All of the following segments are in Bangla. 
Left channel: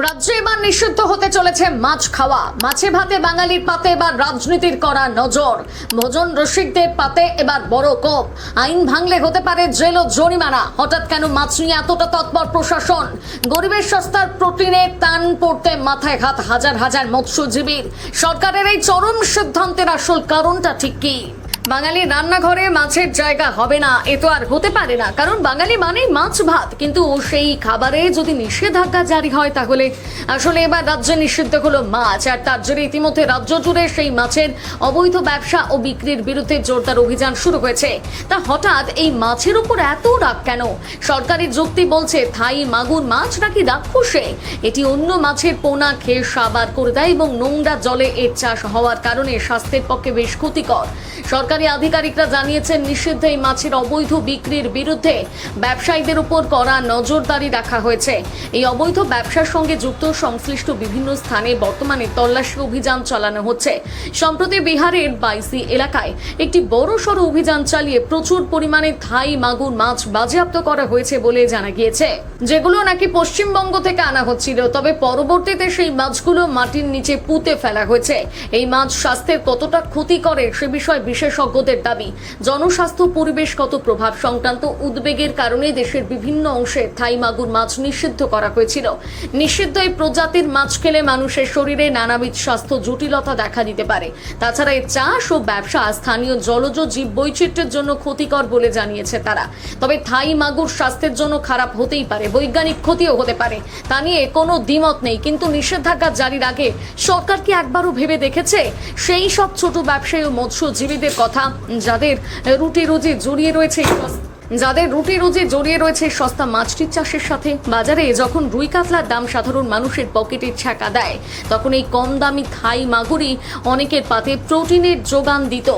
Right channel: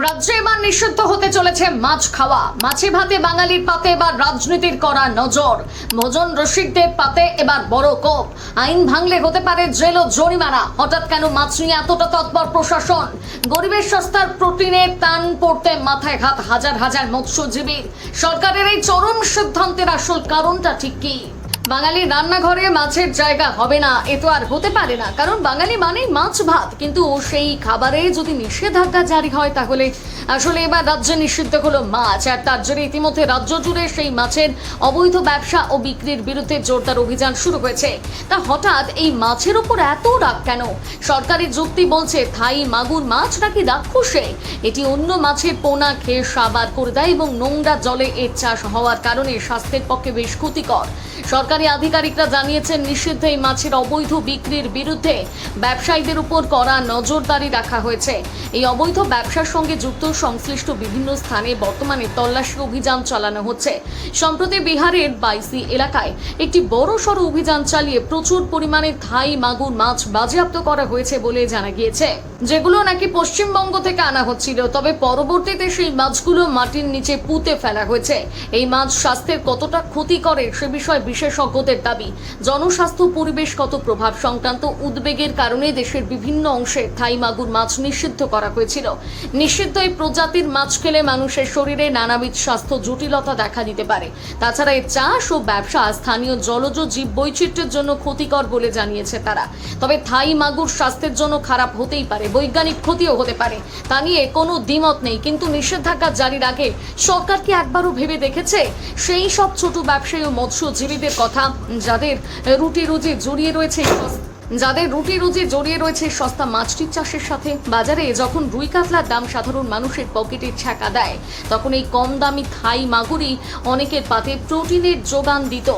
রাজ্যে এবার নিষিদ্ধ হতে চলেছে মাছ খাওয়া। মাছে ভাতে বাঙালির পাতে এবার রাজনীতির করা নজর। ভোজন রসিকদের পাতে এবার বড় কোপ। আইন ভাঙলে হতে পারে জেল ও জরিমানা। হঠাৎ কেন মাছ নিয়ে এতটা তৎপর প্রশাসন? গরিবের সস্তার প্রোটিনে টান পড়তে মাথায় হাত হাজার হাজার মৎস্যজীবীর। সরকারের এই চরম সিদ্ধান্তের আসল কারণটা ঠিক কি? বাঙালি রান্নাঘরে মাছের জায়গা হবে না, এ তো আর হতে পারে না, কারণ বাঙালি মানেই মাছ ভাত। কিন্তু সেই খাবারে যদি নিষেধাজ্ঞা জারি হয় তাহলে আসলে এবার রাজ্যে নিষিদ্ধ হলো মাছ, আর তার জন্য ইতিমধ্যে রাজ্য জুড়ে সেই মাছের অবৈধ ব্যবসা ও বিক্রির বিরুদ্ধে জোরদার অভিযান শুরু হয়েছে। তা হঠাৎ এই মাছের উপর এত রাগ কেন? সরকারি যুক্তি বলছে থাই মাগুর মাছ নাকি রাক্ষসে, এটি অন্য মাছের পোনা খেয়ে সাবার করে দেয় এবং নোংরা জলে এর চাষ হওয়ার কারণে স্বাস্থ্যের পক্ষে বেশ ক্ষতিকর। সরকারি আধিকারিকরা জানিয়েছেন, নিষিদ্ধ এই মাছের অবৈধ বিক্রির বিরুদ্ধে ব্যবসায়ীদের উপর কড়া নজরদারি রাখা হয়েছে। এই অবৈধ ব্যবসার সঙ্গে যুক্ত সংশ্লিষ্ট বিভিন্ন স্থানে বর্তমানে তল্লাশি অভিযান চালানো হচ্ছে। সম্প্রতি বিহারের বাইসি এলাকায় একটি বড়সড় অভিযান চালিয়ে প্রচুর পরিমাণে থাই মাগুর মাছ বাজেয়াপ্ত করা হয়েছে বলে জানা গিয়েছে, যেগুলো নাকি পশ্চিমবঙ্গ থেকে আনা হচ্ছিল। তবে পরবর্তীতে সেই মাছগুলো মাটির নিচে পুঁতে ফেলা হয়েছে। এই মাছ স্বাস্থ্যের কতটা ক্ষতি করে সে বিষয়ে বিশেষজ্ঞদের দাবি। জনস্বাস্থ্য পরিবেশগত প্রভাব সংক্রান্ত উদ্বেগের কারণে দেশের বিভিন্ন অংশে থাই মাগুর মাছ নিষিদ্ধ করা হয়েছিল। নিষিদ্ধ এই প্রজাতির মাছ খেলে মানুষের শরীরে নানাবিধ স্বাস্থ্য জটিলতা দেখা দিতে পারে। তাছাড়া এর চাষ ও ব্যবসা স্থানীয় জলজ জীব বৈচিত্র্যের জন্য ক্ষতিকর বলে জানিয়েছে তারা। তবে থাই মাগুর স্বাস্থ্যের জন্য খারাপ হতেই পারে, বৈজ্ঞানিক ক্ষতিও হতে পারে, তা নিয়ে কোনো দ্বিমত নেই। কিন্তু নিষেধাজ্ঞা জারির আগে সরকার কি একবারও ভেবে দেখেছে সেই সব ছোট ব্যবসায়ী ও মৎস্যজীবীদের কথা, যাদের রুটি রুজি জড়িয়ে রয়েছে সস্তা মাছটির চাষের সাথে? বাজারে যখন রুই কাতলার দাম সাধারণ মানুষের পকেটে ছ্যাঁকা দেয়, তখন এই কম দামি থাই মাগুরই অনেকের পাতে প্রোটিনের যোগান দিত।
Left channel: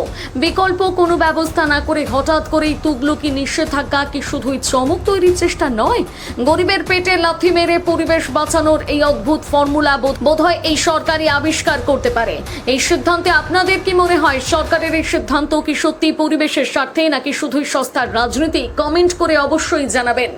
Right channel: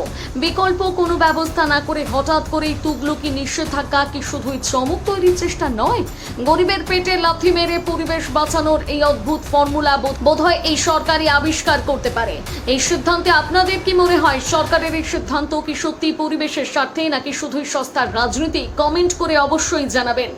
বিকল্প কোনো ব্যবস্থা না করে হঠাৎ করেই তুগলকি নিষেধাজ্ঞা কি শুধুই চমক তৈরির চেষ্টা নয়? গরিবের পেটে লাথি মেরে পরিবেশ বাঁচানোর এই অদ্ভুত ফর্মুলা বোধহয় এই সরকারই আবিষ্কার করতে পারে। এই সিদ্ধান্তে আপনাদের কি মনে হয়? সরকারের এই সিদ্ধান্ত কি সত্যি পরিবেশের স্বার্থে নাকি শুধুই সস্তার রাজনীতি? কমেন্ট করে অবশ্যই জানাবেন।